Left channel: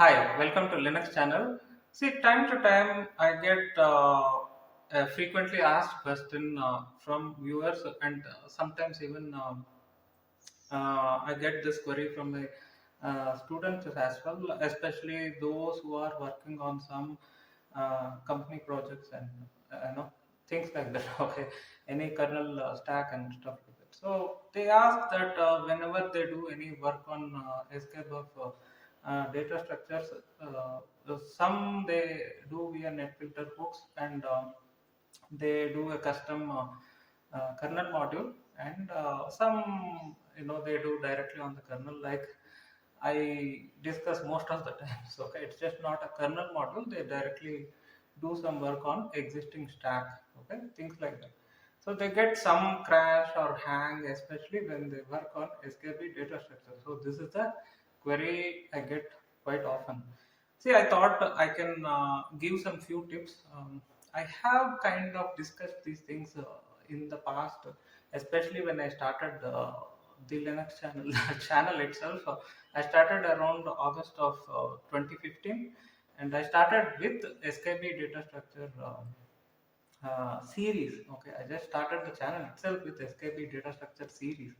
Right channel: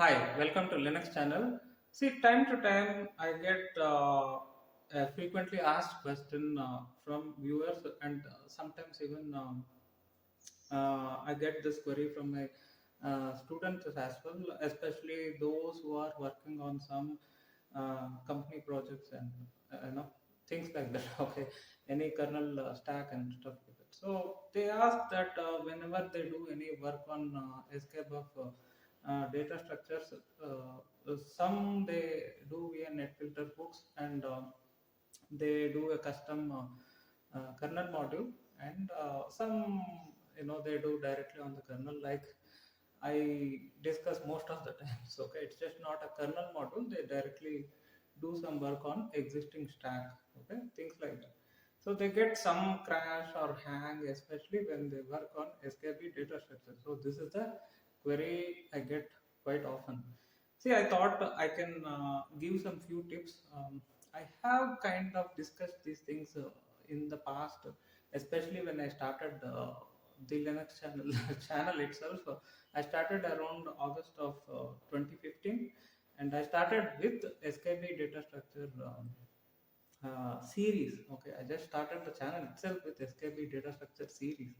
Hi, welcome to Linux channel. See, time to time I get a frequently asked question from viewers and sometimes even I get this query from my students as well, especially those who are working on some company projects and things like that. Okay, any kernel stack and stuff like that. So they ask that whenever they do any work on escape of data structures, some they do via netfilter hooks and they do a custom kernel module and some they do directly on the kernel like I discuss most of the times. Okay, it's just not a kernel module, they directly do some work on existing stack. Okay, things like that. So they get some crash or hang, especially when they work on skb data structure. So this is the query I get quite often. See, I thought I can give some few tips. I have kind of discussed these things in the past, especially when I started the Linux channel channel itself. I started around August of 2015, and I started with SKB data structure series. Okay, I just started the channel itself with SKB data structure series.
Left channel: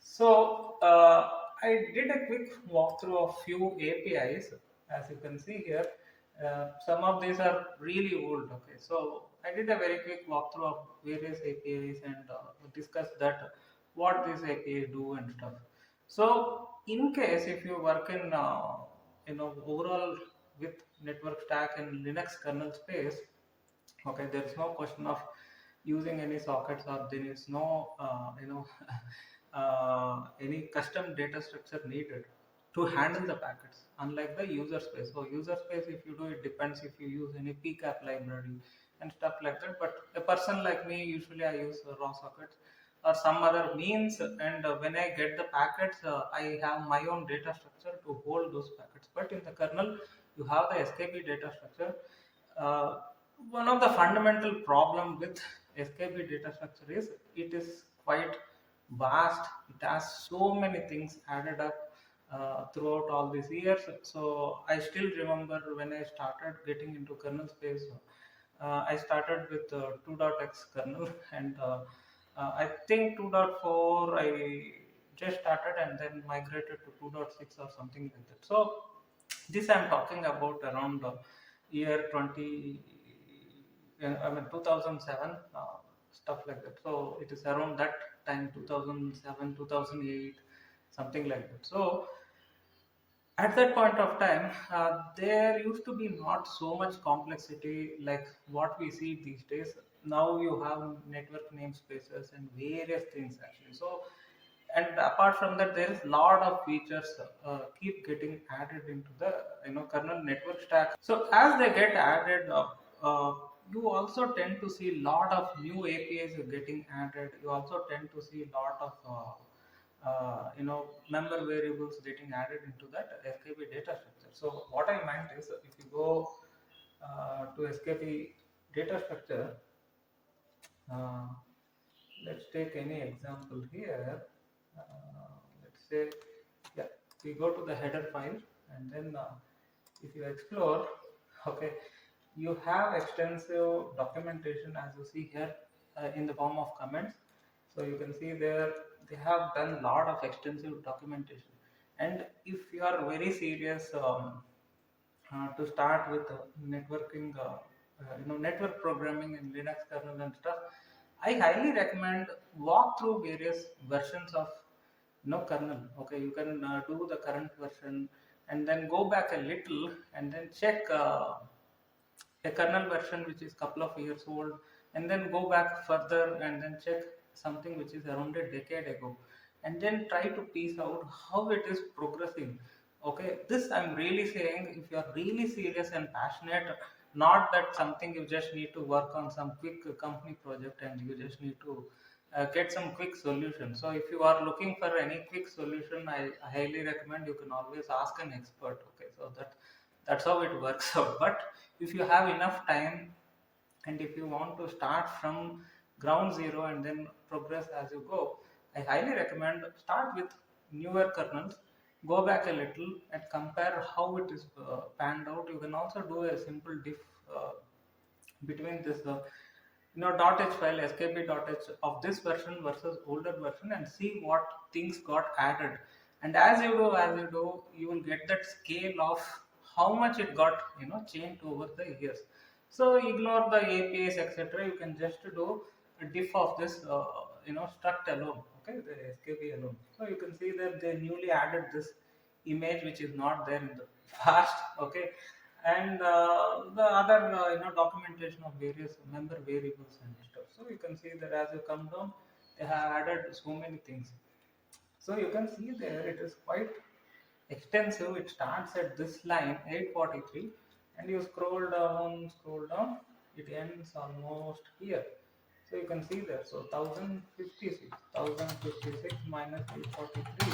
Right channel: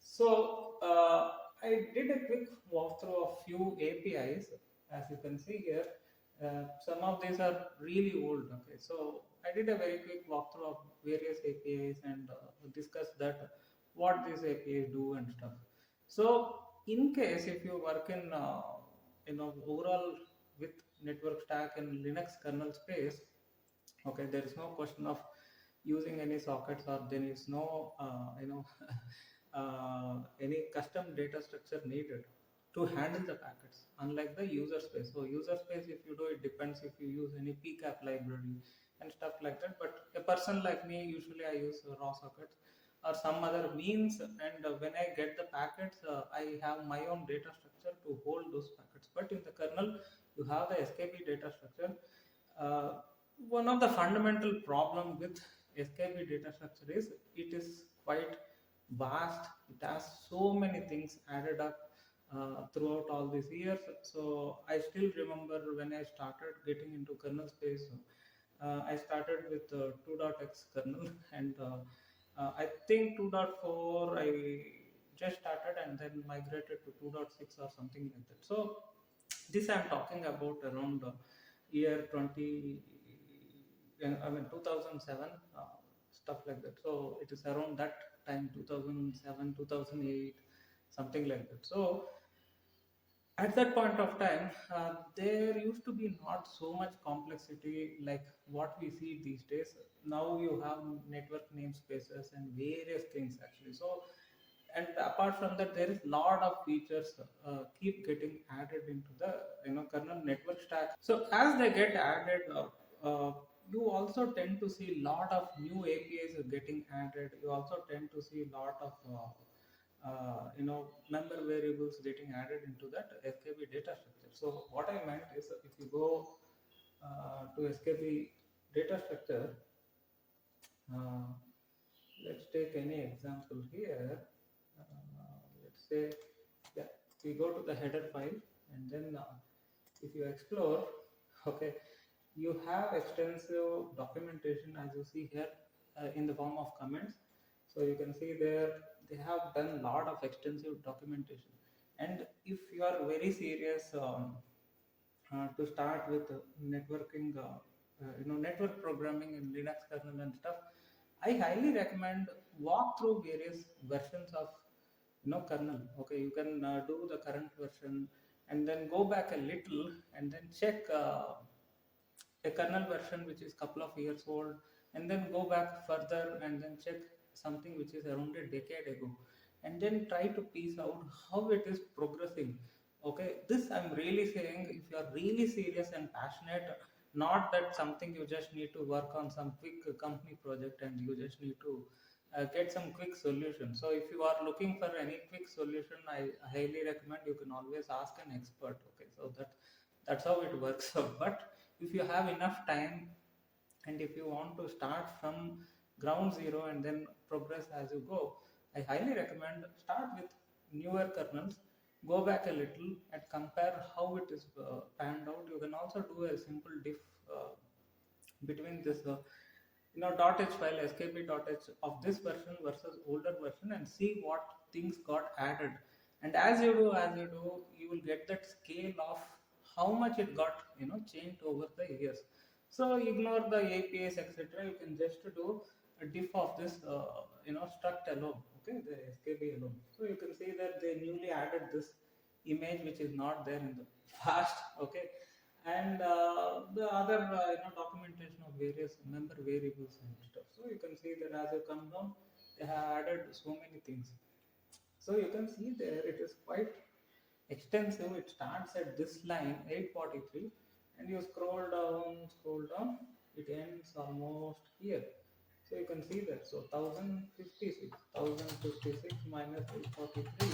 So I did a quick walkthrough of few APIs, as you can see here. Some of these are really old. Okay, so I did a very quick walkthrough of various APIs and discussed that what these APIs do and stuff. So in case if you work in overall with network stack in Linux kernel space, okay, there is no question of using any sockets or there is no any custom data structure needed to handle the packets, unlike the user space. So user space, if you do, it depends if you use any pcap library and stuff like that. But a person like me, usually I use raw sockets or some other means, and when I get the packets, I have my own data structure to hold those packets. But in the kernel, you have the skp data structure. uh, One of the fundamental problem with SKB data structure is it is quite vast. It has so many things added up throughout all these years. So I still remember when I started getting into kernel space, I started with 2.x kernel and I think 2.4 I just started and then migrated to 2.6 or something like that. So this I'm talking about around year 20, I mean 2007, stuff like that. So it is around that time, 2007, 2008, something like that. So at that point of time, there used to be not so much complexity like what we see these days. Now you have network namespaces and various things actually. So and apart from that, there is lot of features keep getting added into the kernel network stack. So as they get added, you also tend to see lot of new APIs getting added. You also tend to see lot of member variables getting added into that skp data structure. So what I meant is, if you go to skp data structure, uh, let's take any example here. Let's say, yeah, we go to the header file and then if you explore, okay, you have extensive documentation as you see here in the form of comments. So you can see there they have done a lot of extensive documentation. And if you are very serious to start with networking, network programming in Linux kernel and stuff, I highly recommend walk through various versions of kernel. Okay, you can do the current version and then go back a little and then check a kernel version which is couple of years old, and then go back further and then check something which is around a decade ago, and then try to piece out how it is progressing. Okay, this I'm really saying, if you are really serious and passionate, not that something you just need to work on some quick company project and you just need to get some quick solution. So if you are looking for any quick solution, I highly recommend you can always ask an expert. Okay, so that's how it works out. But if you have enough time and if you want to start from ground zero and then progress as you go, I highly recommend start with newer kernels go back a little and compare how it is panned out. You can also do a simple diff between this .h file skb.h of this version versus older version, and see what things got added. And as you do you will get that scale of how much it got changed over the years. So ignore the apis etc. You can just do a diff of this struct alone, okay, the skb alone. So you can see that they newly added this image which is not there in the past, okay. And the other documentation of various member variables and stuff. So you can see that as you come down they have added so many things. So you can see there it is quite extensive. It starts at this line 843 and you scroll down, it ends almost here. So you can see there, so 1056 minus 843,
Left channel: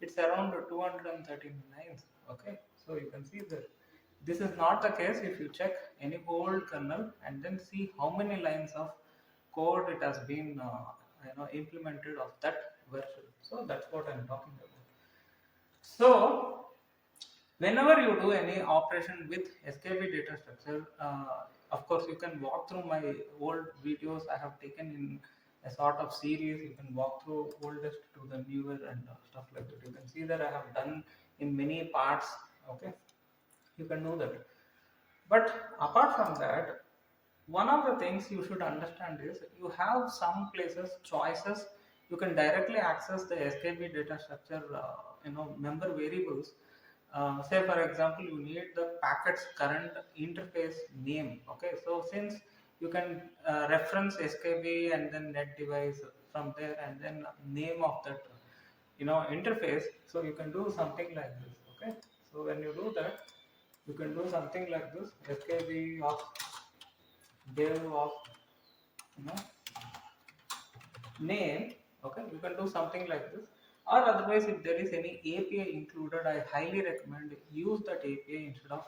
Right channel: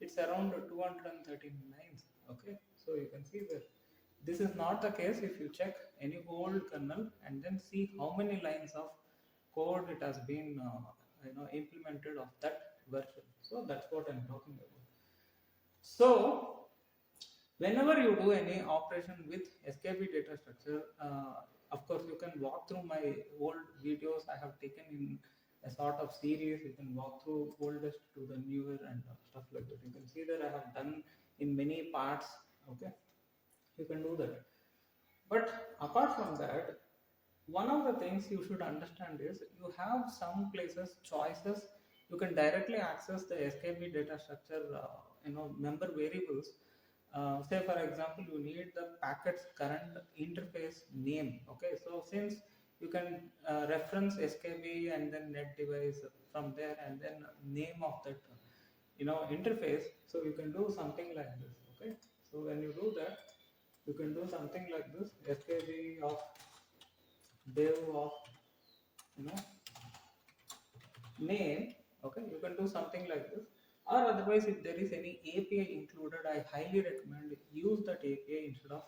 it's around 239. Okay, so you can see that this is not the case if you check any old kernel and then see how many lines of code it has been implemented of that version. So that's what I'm talking about. So whenever you do any operation with skb data structure, of course you can walk through my old videos I have taken in a sort of series. You can walk through oldest to the newer and stuff like that. You can see that I have done in many parts, okay. You can do that. But apart from that, one of the things you should understand is you have some places choices. You can directly access the skb data structure member variables. Say for example you need the packet's current interface name, okay. So since you can reference skb and then net device from there and then name of that interface, so you can do something like this, okay. So when you do that, you can do something like this, skb of dev of you know name, okay. You can do something like this, or otherwise if there is any api included, I highly recommend use that api instead of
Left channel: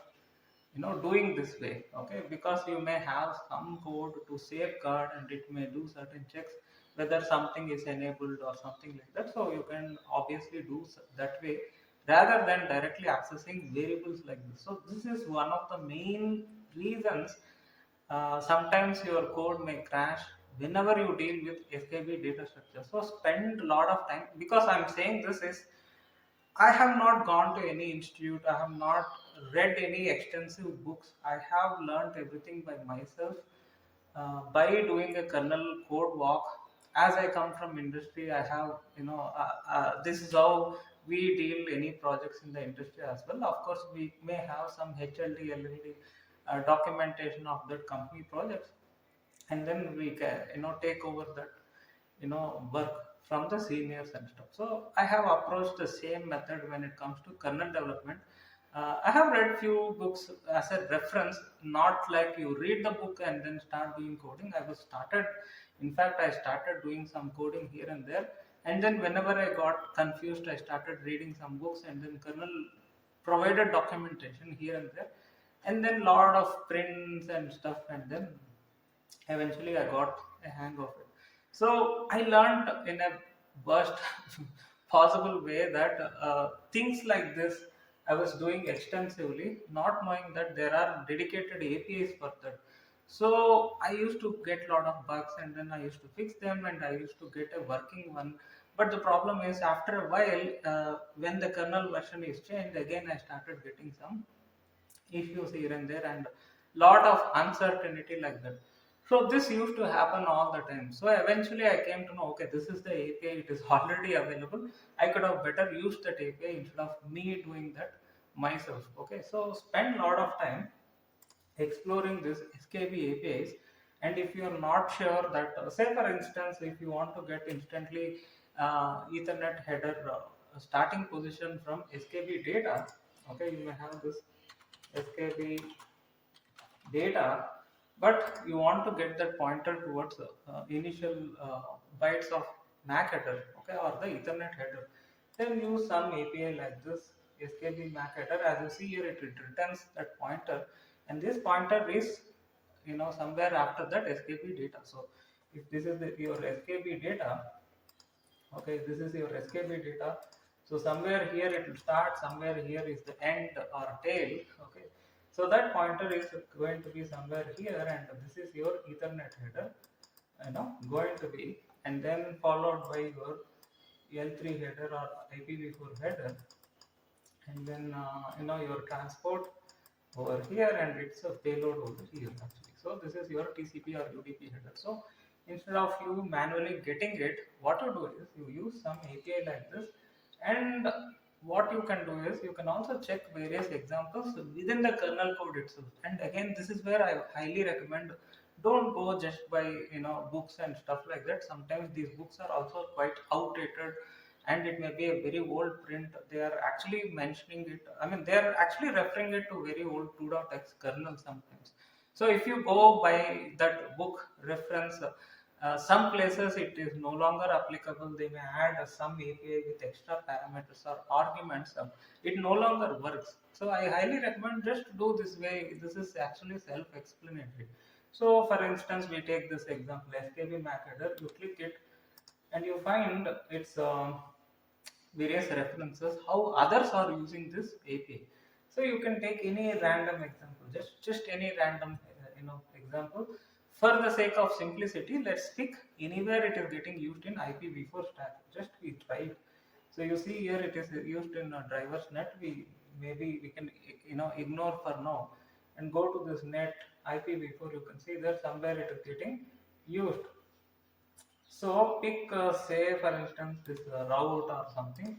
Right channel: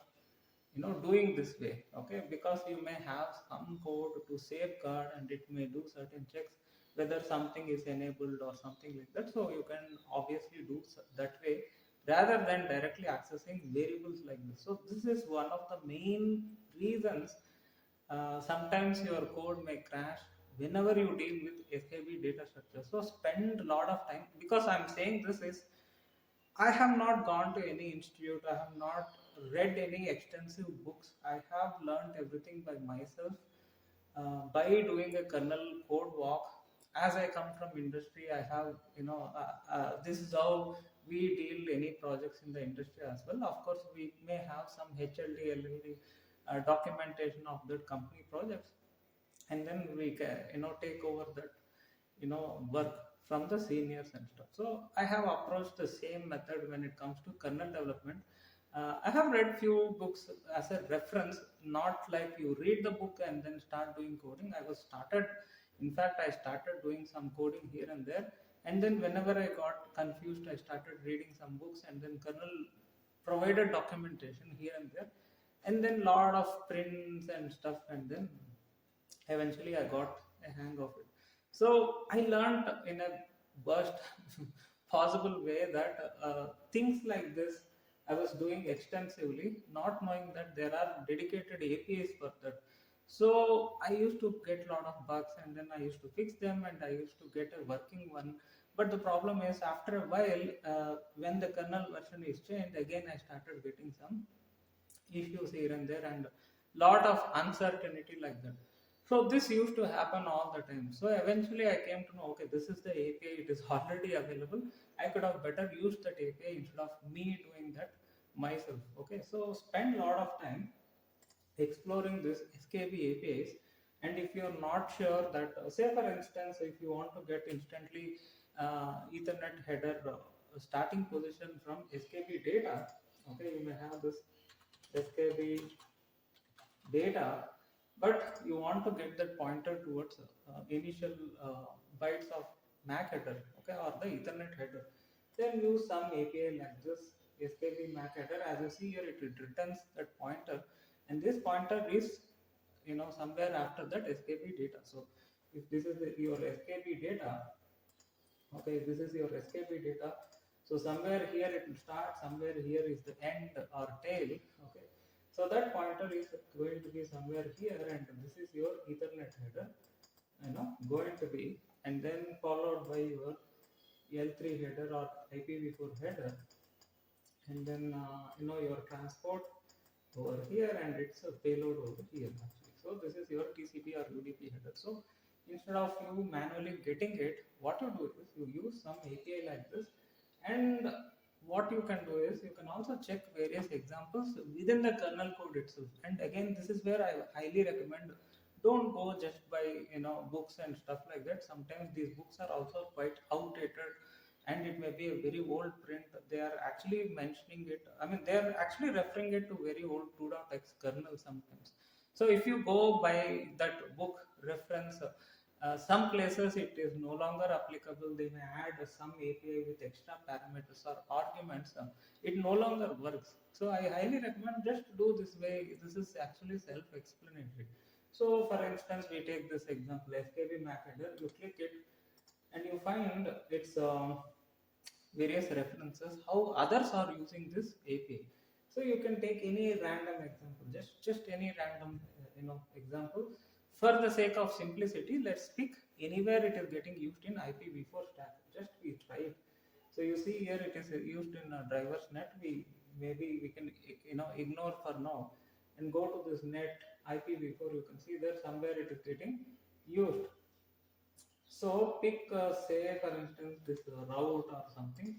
doing this way, okay, because you may have some code to safeguard and it may do certain checks whether something is enabled or something like that. So you can obviously do that way rather than directly accessing variables like this. So this is one of the main reasons sometimes your code may crash whenever you deal with skb data structure. So spend a lot of time, because I'm saying this is, I have not gone to any institute, I have not read any extensive books. I have learned everything by myself by doing a kernel code walk. As I come from industry, I have, this is how we deal any projects in the industry as well. Of course, we may have some HLD, LLD documentation of that company projects, and then we can, take over that work from the seniors and stuff. So I have approached the same method when it comes to kernel development. I have read few books as a reference, not like you read the book and then start doing coding. I was started, in fact I started doing some coding here and there, and then whenever I got confused I started reading some books, and then kernel provided documentation here and there, and then lot of prints and stuff, and then eventually I got a hang of it. So I learned in a worst possible way that things like this I was doing extensively, not knowing that there are dedicated APIs for that. So I used to get a lot of bugs and then I used to fix them and I used to get a working one. But the problem is after a while, when the kernel version is changed, again I started getting some issues here and there and lot of uncertainty like that. So this used to happen all the time. So eventually I came to know, okay, this is the API, it is already available. I could have better used that API instead of me doing that myself. Okay, so spend a lot of time exploring this skb apis. And if you are not sure that say for instance if you want to get instantly ethernet header starting position from skb data, okay, you may have this skb data, but you want to get that pointer towards initial bytes of MAC header, okay, or the Ethernet header. Then use some API like this skb MAC header. As you see here, it returns that pointer, and this pointer is somewhere after that skb data. So if this is your skb data, okay, this is your skb data. So somewhere here it will start, somewhere here is the end or tail. Okay, so that pointer is going to be somewhere here, and this is your Ethernet header, going to be, and then followed by your L3 header or IPv4 header, and then your transport over here, and it's a payload over here actually. So this is your TCP or UDP header. So instead of you manually getting it, what you do is you use some API like this, and what you can do is you can also check various examples within the kernel code itself. And again, this is where I highly recommend, don't go just by books and stuff like that. Sometimes these books are also quite outdated, and it may be a very old print. They are actually mentioning it, I mean they are actually referring it to very old 2.x kernel sometimes. So if you go by that book reference, some places it is no longer applicable. They may add some API with extra parameters or arguments. It no longer works. So I highly recommend just do this way. This is actually self-explanatory. So for instance, we take this example, SKB MAC header. You click it, and you find its various references how others are using this API. So you can take any random example, just any random example. For the sake of simplicity, let's pick anywhere it is getting used in IPv4 stack. Just we try it. So you see here it is used in drivers net. We can ignore for now and go to this net IPv4. You can see that somewhere it is getting used. So pick say for instance this route or something,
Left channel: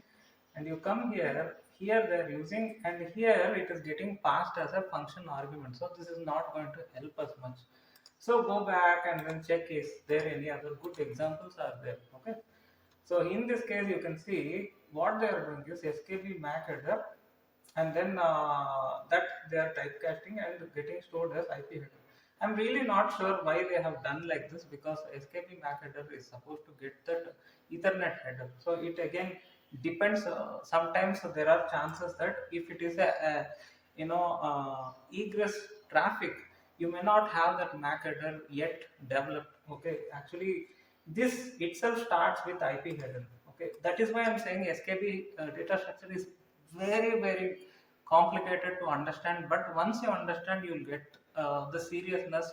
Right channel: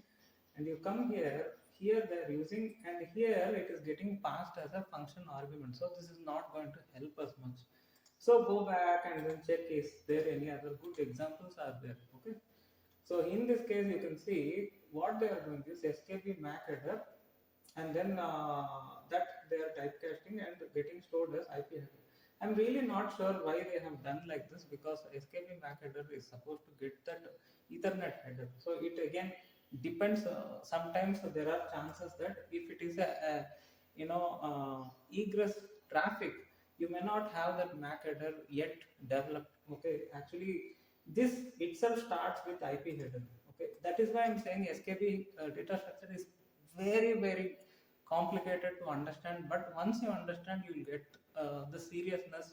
and you come here. Here they are using, and here it is getting passed as a function argument. So this is not going to help us much. So go back and then check is there any other good examples are there. Okay. So in this case you can see what they are doing is SKB MAC header, and then that they are typecasting and getting stored as IP header. I'm really not sure why they have done like this, because SKB MAC header is supposed to get that Ethernet header. So it again depends. Sometimes there are chances that if it is a egress traffic, you may not have that MAC header yet developed. Okay, actually this itself starts with IP header. Okay, that is why I'm saying SKB data structure is very complicated to understand, but once you understand, you'll get the seriousness,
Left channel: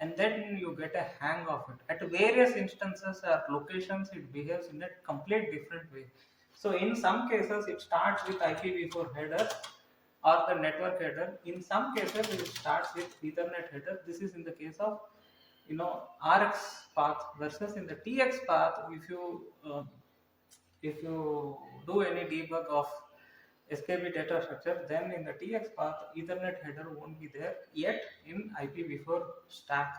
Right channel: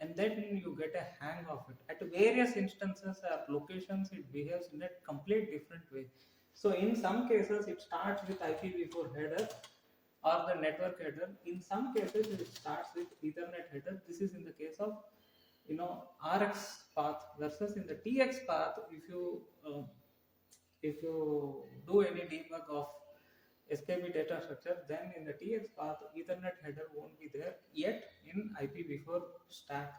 and then you get a hang of it. At various instances or locations, it behaves in a complete different way. So in some cases it starts with IPv4 header or the network header. In some cases it starts with Ethernet header. This is in the case of RX path, versus in the TX path, if you do any debug of SKB data structure, then in the TX path, Ethernet header won't be there yet in IPv4 stack.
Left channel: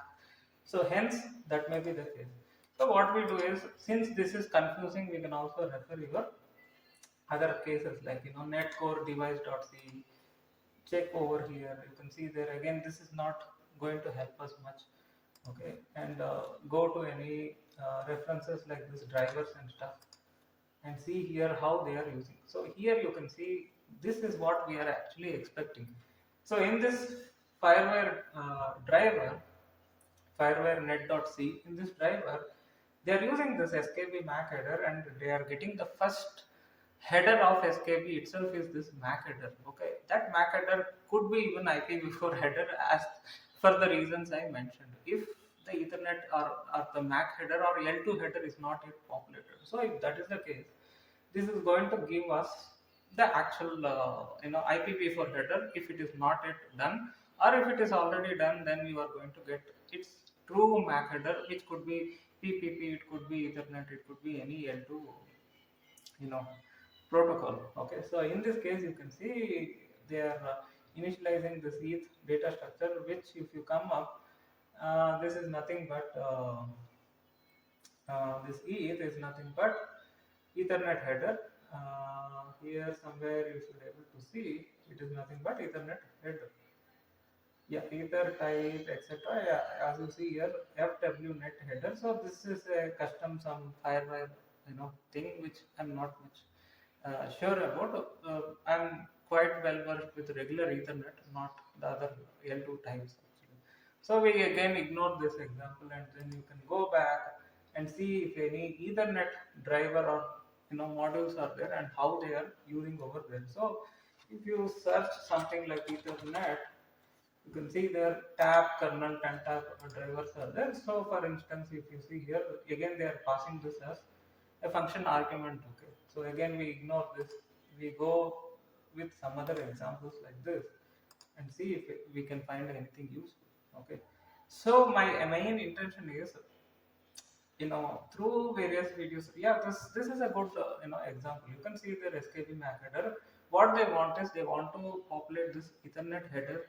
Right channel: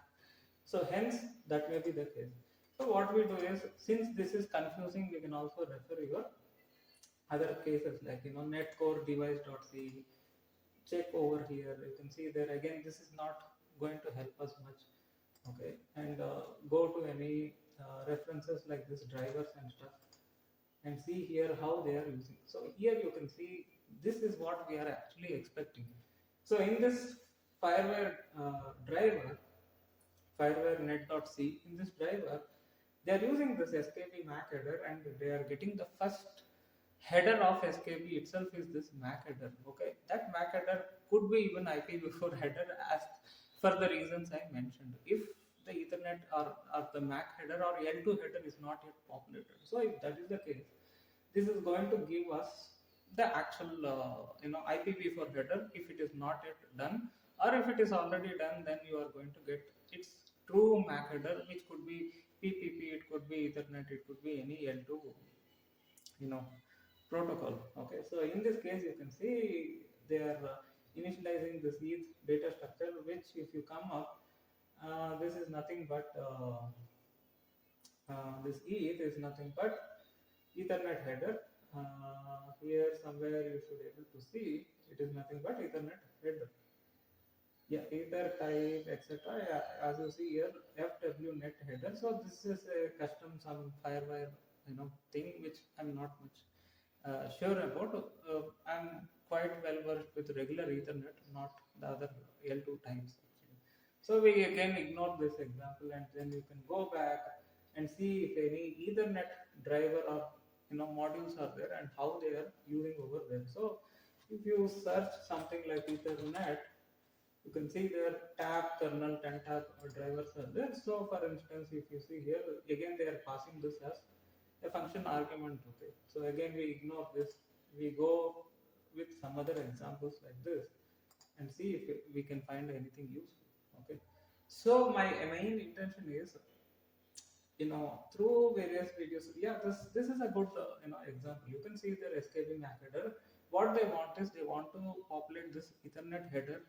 So hence that may be the case. So what we do is, since this is confusing, we can also refer your other cases like netcore device.c. Check over here. You can see there again. This is not going to help us much. Okay, and go to any references like this drivers and stuff, and see here how they are using. So here you can see this is what we are actually expecting. So in this fireware driver, fireware net.c, in this driver they are using this SKB MAC header, and they are getting the first header of SKB itself is this MAC header. Okay, that MAC header could be even IPv4 header, as for the reasons I mentioned. If the Ethernet or the MAC header or L2 header is not yet populated. So if that is the case, this is going to give us the actual IPv4 header if it is not yet done, or if it is already done, then you are going to get its true MAC header, which could be PPP, it could be Ethernet, it could be any L2 protocol. Okay, so in this case you can see they are initializing this ETH data structure, which if you come up, this is nothing but this ETH is nothing but Ethernet header. Here somewhere you should be able to see it is nothing but Ethernet header. Yeah, ether type etc. Yeah, as you see here, FW net header. So this is a custom some firewire thing which I'm not much sure about. I'm quite well versed with regular Ethernet, not the other L2 types actually. So we again ignore this example, and then you can go back and see if any Ethernet driver or modules are there and how they are using over there. So if you search something like Ethernet, you can see their tab kernel and tab drivers are there. So for instance, if you see here, again they are passing this as a function argument. Okay, so again we ignore this, we go with some other examples like this and see if we can find anything useful. Okay, so my main intention is, through various videos. Yeah, this is a good example. You can see their skb mac header. What they want is they want to populate this ethernet header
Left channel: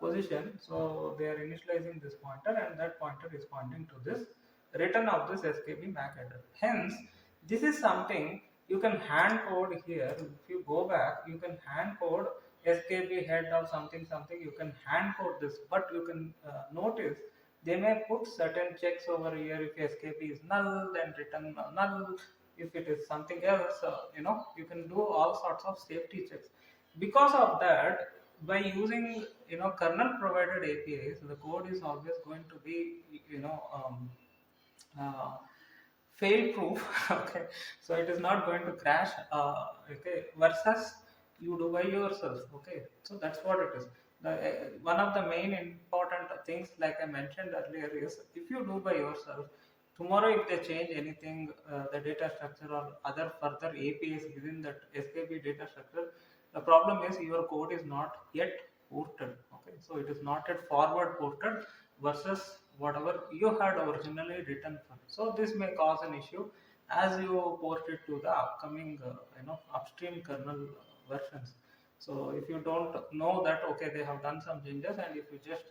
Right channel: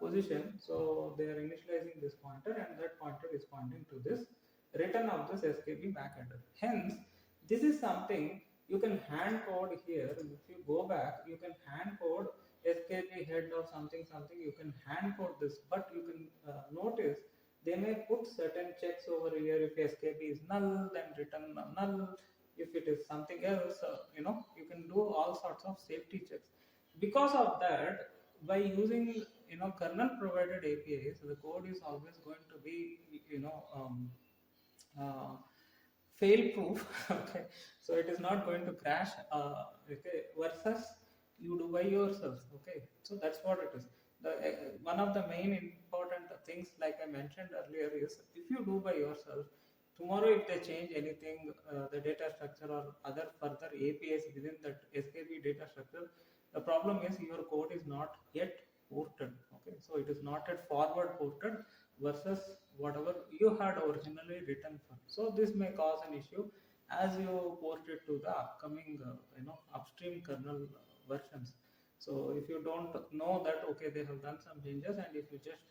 position. So they are initializing this pointer, and that pointer is pointing to this return of this skb mac header. Hence this is something you can hand code here. If you go back, you can hand code skb head or something something, you can hand code this. But you can notice they may put certain checks over here. If skp is null, then return null. If it is something else, you can do all sorts of safety checks. Because of that, by using kernel provided apis, the code is always going to be uh, fail proof. Okay, so it is not going to crash. Okay, versus you do by yourself. Okay, so that's what it is. One of the main important things, like I mentioned earlier, is if you do by yourself, tomorrow if they change anything, the data structure or other further apis within that skp data structure, the problem is your code is not yet ported. Okay, so it is not yet forward ported versus whatever you had originally written for. So this may cause an issue as you port it to the upcoming upstream kernel versions. So if you don't know that, okay, they have done some changes, and if you just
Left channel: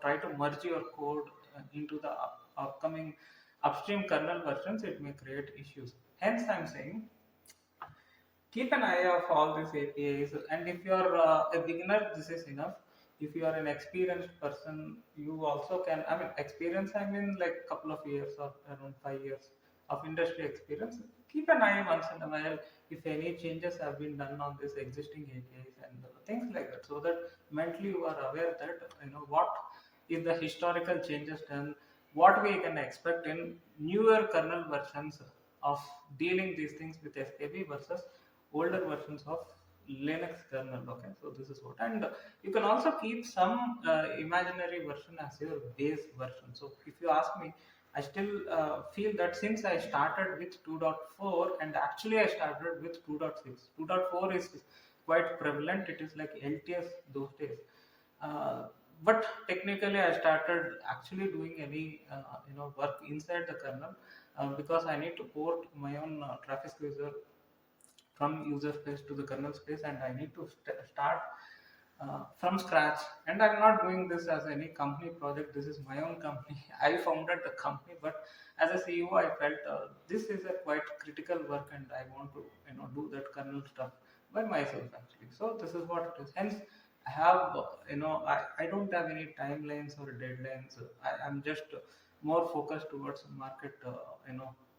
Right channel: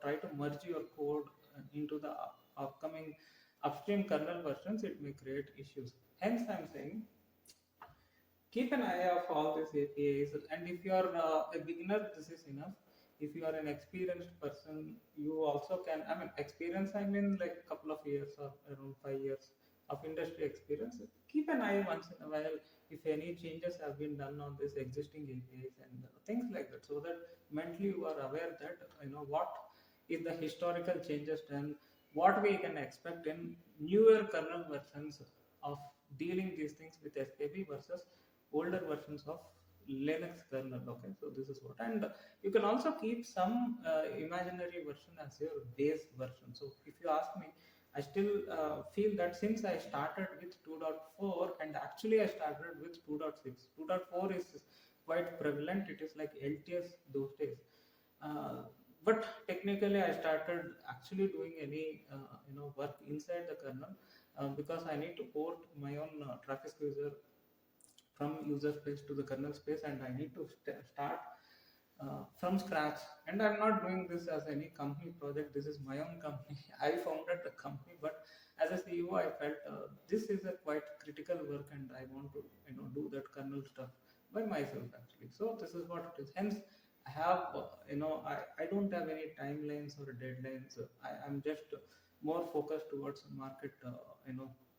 try to merge your code into the upcoming upstream kernel versions, it may create issues. Hence I'm saying keep an eye of all these APIs. And if you are a beginner, this is enough. If you are an experienced person, you also can. I mean, experience, I mean like a couple of years or around 5 years of industry experience. Keep an eye once in a while if any changes have been done on this existing APIs and things like that, so that mentally you are aware that what is the historical changes done, what we can expect in newer kernel versions of dealing these things with SKB versus older versions of Linux kernel. Okay, so this is what, and you can also keep some imaginary version as your base version. So if you ask me, I still feel that since I started with 2.4 and actually I started with 2.6, 2.4 is quite prevalent. It is like LTS those days. Uh, but technically, I started actually doing any work inside the kernel because I need to port my own traffic user from user space to the kernel space, and I need to start from scratch. And I'm not doing this as any company project. This is my own company. I founded the company, but as a CEO, I felt this is a quite critical work, and I want to do that kernel stuff by myself actually. So this is what it is. Hence, I have I don't have any timelines or deadlines. I'm just more focused towards market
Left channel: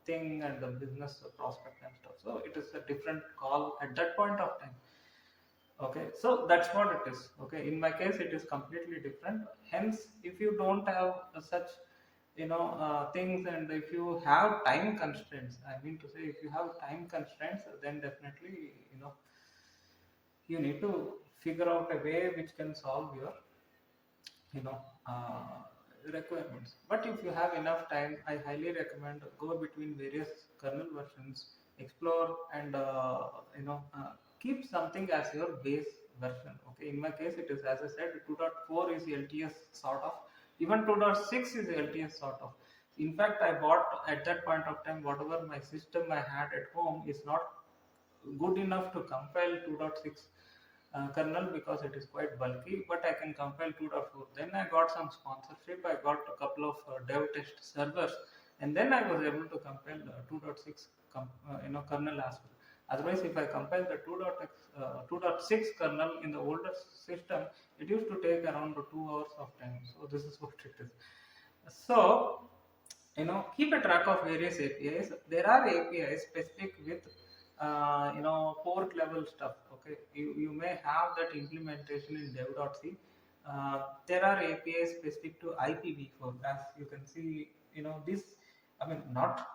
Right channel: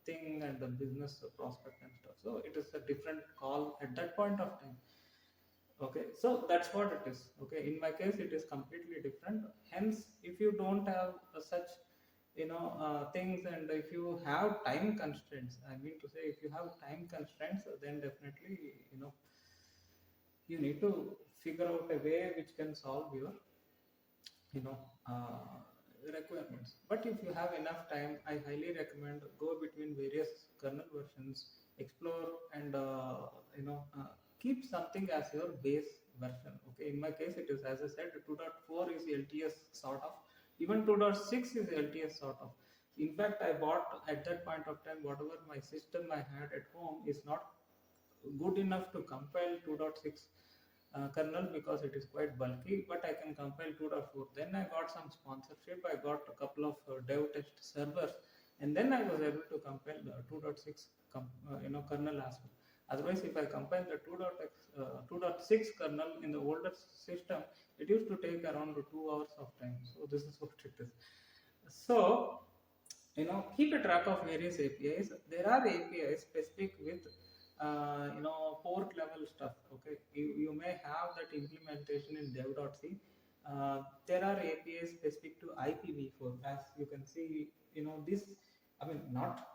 thing and the business prospect and stuff. So it is a different call at that point of time. Okay, so that's what it is. Okay, in my case it is completely different. Hence, if you don't have such things, and if you have time constraints, I mean to say, if you have time constraints, then definitely you need to figure out a way which can solve your you know requirements. But if you have enough time, I highly recommend go between various kernel versions, explore, and keep something as your base version. Okay, in my case it is, as I said, 2.4 is LTS sort of, even 2.6 is LTS sort of. In fact, I bought at that point of time whatever my system I had at home is not good enough to compile 2.6 kernel because it is quite bulky, but I can compile 2.4. Then I got some sponsorship, I got a couple of dev test servers, and then I was able to compile 2.6 kernel as well. Otherwise, if I compile the 2.6 kernel in the older system, it used to take around 2 hours of time. So this is what it is. So keep a track of various APIs. There are APIs specific with port level stuff. Okay, you may have that implementation in dev.c. There are APIs specific to IPv4. As you can see, this, I mean, not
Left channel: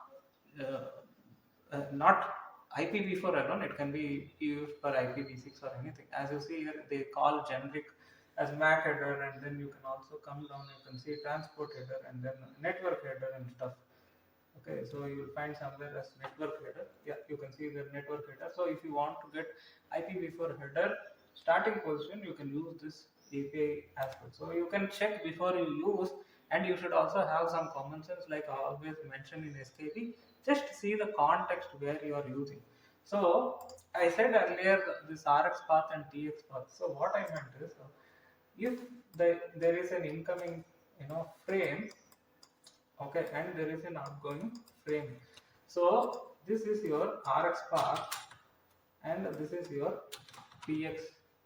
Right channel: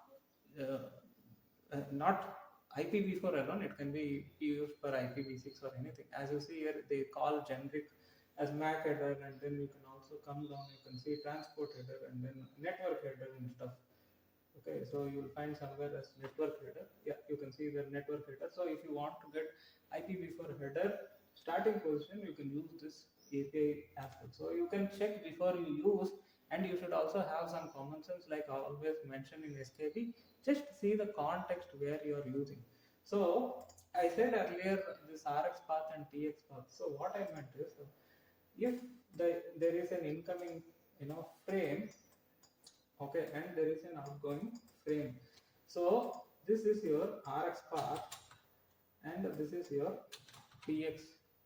IPv4 alone, it can be used for IPv6 or anything. As you see here, they call generic as MAC header, and then you can also come down, you can see transport header and then network header and stuff. Okay, so you will find somewhere as network header. Yeah, you can see the network header. So if you want to get IPv4 header starting position, you can use this API as well. So you can check before you use, and you should also have some common sense, like I always mention in SKP. Just see the context where you are using. So I said earlier this RX path and TX path. So what I meant is, if there is an incoming, frame, okay, and there is an outgoing frame. So this is your RX path and this is your TX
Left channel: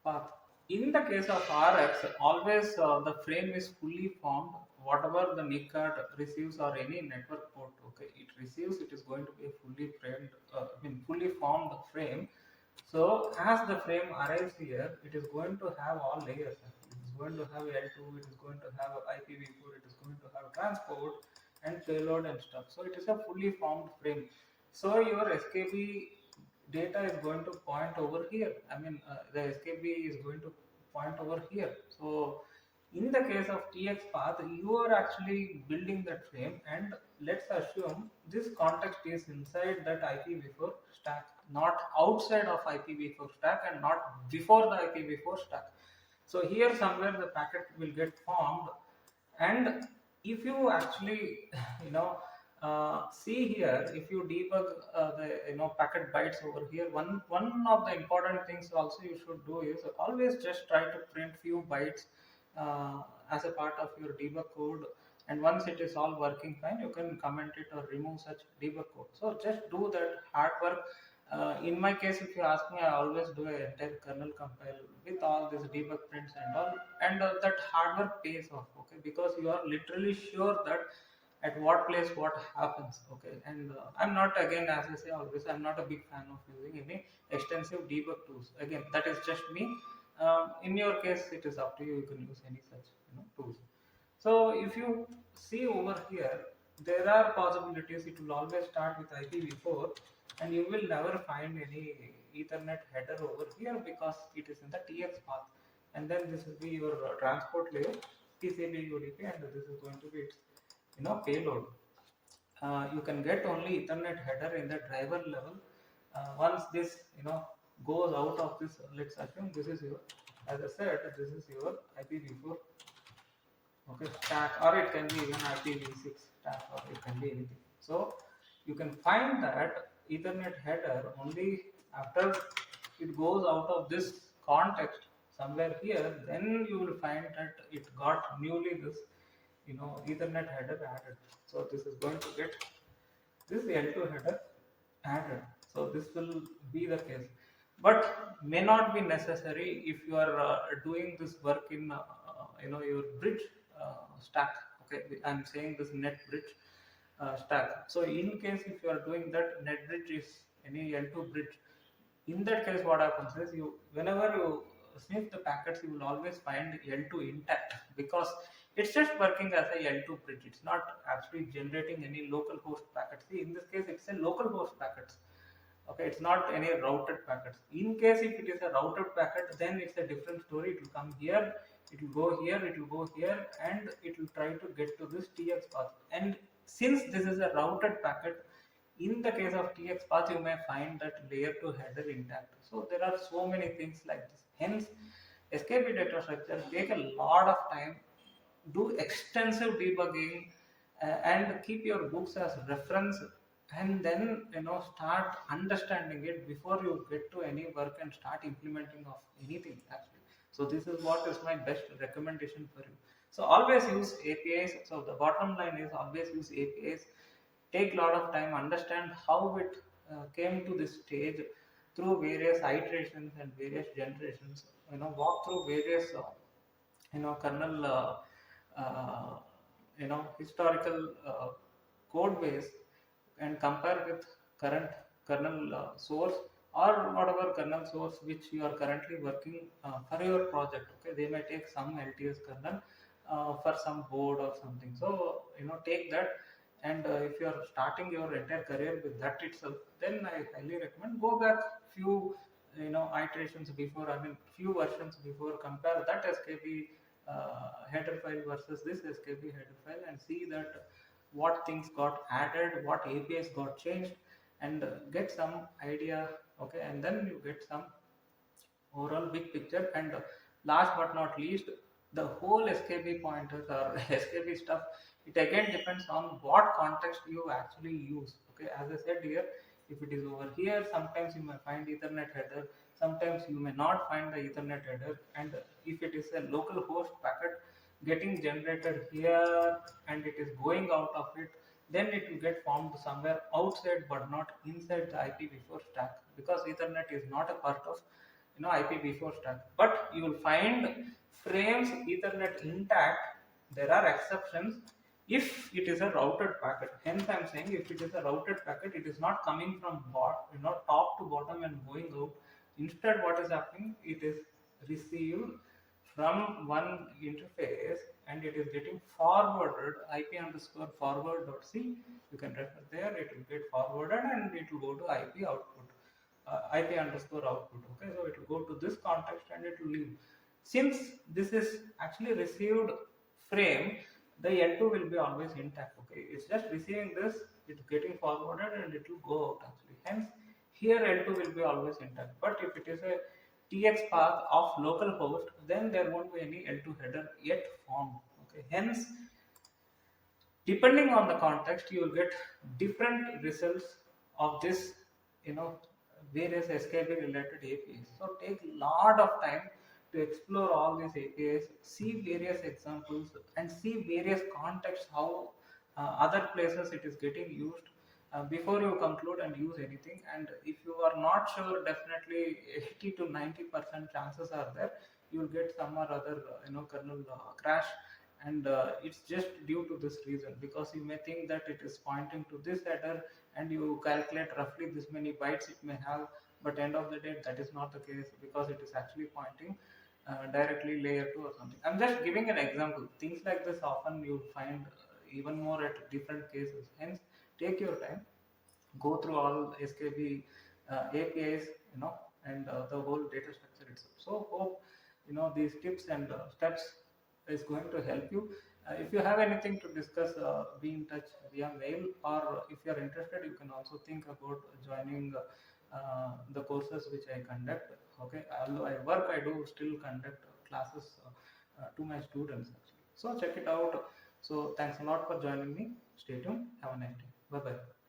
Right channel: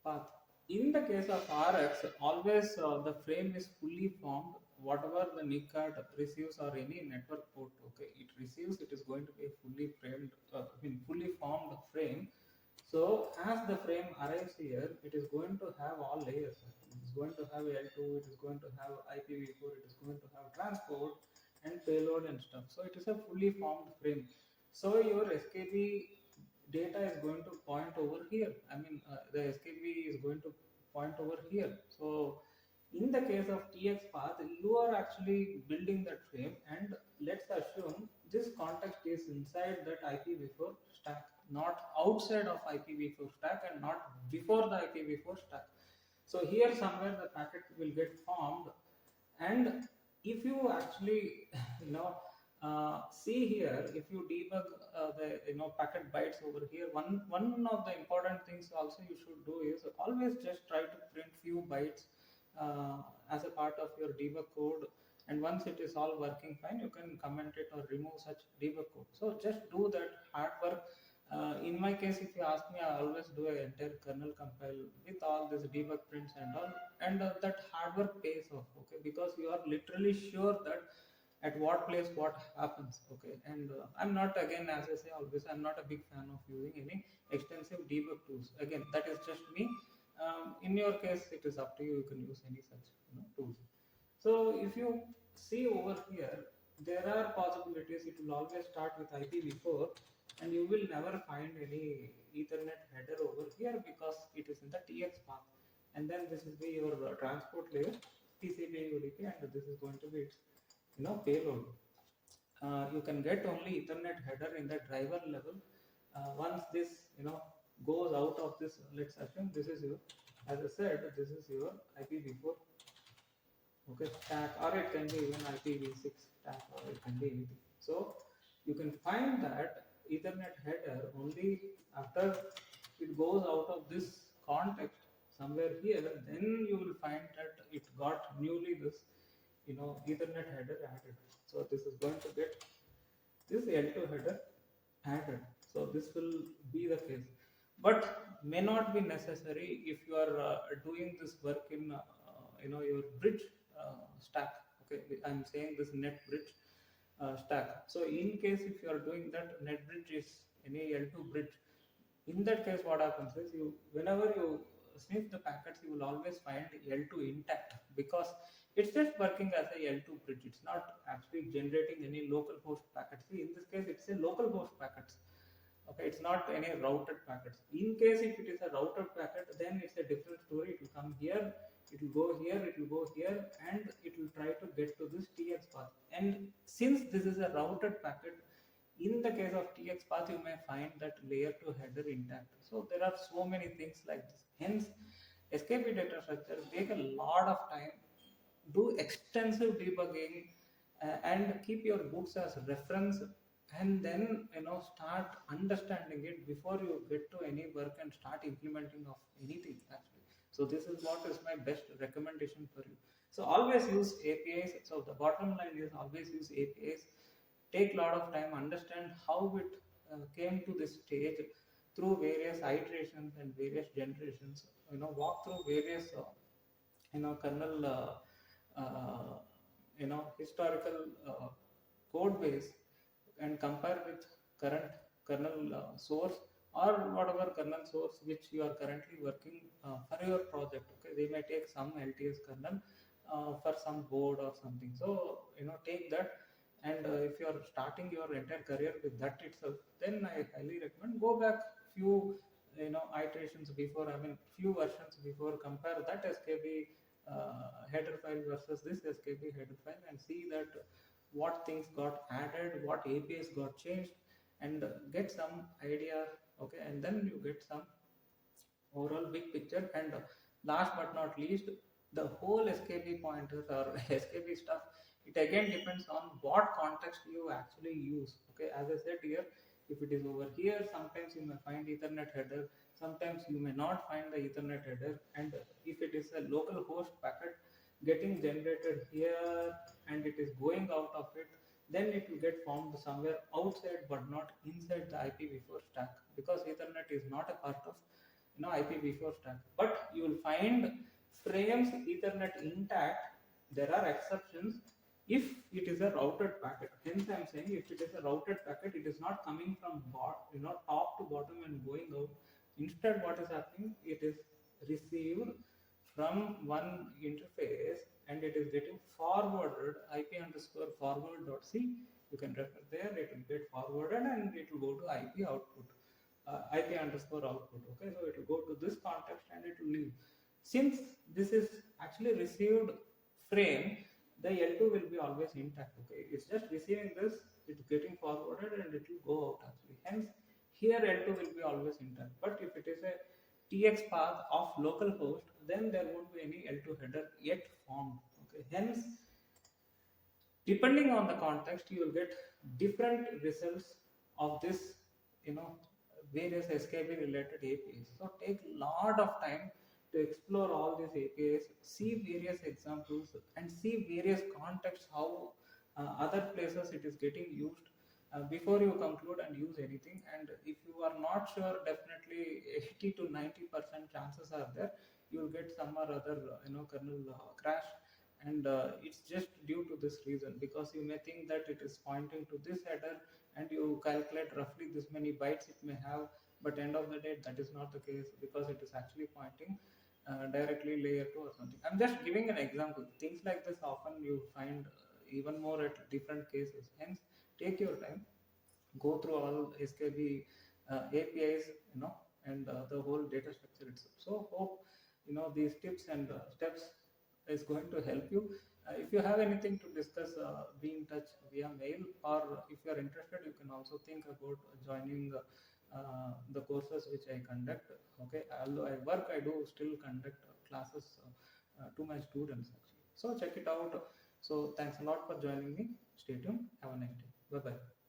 path. In the case of RX, always the frame is fully formed. Whatever the NIC card receives or any network port, okay, it receives, it is going to be a fully framed, fully formed frame. So as the frame arrives here, it is going to have all layers. It is going to have L2, it is going to have IPv4, it is going to have transport and payload and stuff. So it is a fully formed frame. So your SKB data is going to point over here. The SKB is going to point over here. So in the case of TX path, you are actually building that frame, and let's assume this context is inside that IPv4 stack, not outside of IPv4 stack and not before the IPv4 stack. So here somewhere the packet will get formed, and if you actually see here, if you debug the packet bytes over here, one of the important things also you should do is always just try to print few bytes as a part of your debug code, and once it is all working fine, you can comment it or remove such debug code. So just do that hard work. In my case, if you ask me, I always do an entire kernel compile with all these debug prints and all, and that hard work pays off, okay, because you are literally sure that at what place what happens, okay. And I'm not, again, as I say always, I'm not a big fan of using any extensive debug tools. Again, that is just me. In your case, it is up to you. You can use any such tools. So if you see over here, there are possibilities. It will always start with IPv4, and you will never find any Ethernet header over here because it is in the TX path. And then this will be your transport layer, TCP UDP, and this is going to be its payload. You can get only Ethernet header in the driver level. Once this goes out of this, let's assume this is your, as I said, this is your IPv4, okay, stack, or it can be even IPv6 stack, or it can be anything. So you can find that Ethernet header only after it goes out of this context somewhere here, then you will find that it got newly this Ethernet header added. So this is going to get this L2 header added. So this will be the case, but may not be necessary if you are doing this work in your bridge stack. Okay, I'm saying this net bridge stack. So in case if you are doing that, net bridge is any L2 bridge. In that case, what happens is, whenever you sniff the packets, you will always find L2 intact because it's just working as a L2 bridge. It's not actually generating any local host packets. See, in this case, it's a local host packets. Okay, it's not any routed packets. In case if it is a routed packet, then it's a different story. It will come here, it will go here, it will go here, and it will try to get to this TX path. And since this is a routed packet, in the case of TX path, you may find that layer 2 header intact. So there are so many things like this. Hence, SKP data structure take a lot of time, do extensive debugging, and keep your books as reference, and then start understanding it before you get to any work and start implementing of anything actually. So this is what is my best recommendation for you. So always use APIs. So the bottom line is always use APIs. Take a lot of time, understand how it came to this stage through various iterations and various generations. Walk through various kernel historical code base, and compare with current kernel source or whatever kernel source which you are currently working for your project. Okay, they may take some LTS kernel for some board or something. So take that and if you are starting your entire career with that itself, then I highly recommend go back few iterations before, I mean few versions before, compare that skb header file versus this skb header file, and see that what things got added, what apis got changed, and get some idea. Okay, and then you get some overall big picture. And last but not least, the whole skb pointers or skb stuff, it again depends on what context you actually use. Okay, as I said here, if it is over here, sometimes you may find ethernet header, sometimes you may not find the ethernet header. And if it is a local host packet getting generated here and it is going out of it, then it will get formed somewhere outside but not inside the ipv4 stack, because ethernet is not a part of IPv4 stack. But you will find frames Ethernet intact. There are exceptions if it is a routed packet. Hence, I am saying if it is a routed packet, it is not coming from top to bottom and going out. Instead, what is happening? It is received from one interface and it is getting forwarded IP underscore forward dot c. You can refer there. It will get forwarded and it will go to IP output. IP underscore output. Okay, so it will go to this context and it will leave. Since this is actually received frame, the L2 will be always intact. Okay, it's just receiving this, it's getting forwarded and it will go out actually. Hence, here L2 will be always intact. But if it is a TX path of local host, then there won't be any L2 header yet formed. Okay, hence, depending on the context, you will get different results of this, you know, various skb related apis. So take lot of time to explore all these apis, see various examples and see various contexts, how other places it is getting used, before you conclude and use anything. And if you are not sure, definitely 80 to 90% chances are there you will get some or other kernel crash. And it's just due to this reason, because you may think that it is pointing to this header and you calculate roughly this many bytes it may have, but end of the day that is not the case, because it is actually pointing directly layer 2 or something. I'm just giving an example. Things like this often you find even more at different cases. Hence, take your time, go through all skb apis, and the whole data structure itself. So hope these tips and steps is going to help you. If you have anything to discuss, be in touch via mail, or if you are interested, you can also think about joining the courses which I conduct. Okay, although I work, I do still conduct classes to my students actually. So check it out. So thanks a lot for joining me. Stay tuned. Have a nice day. Bye bye.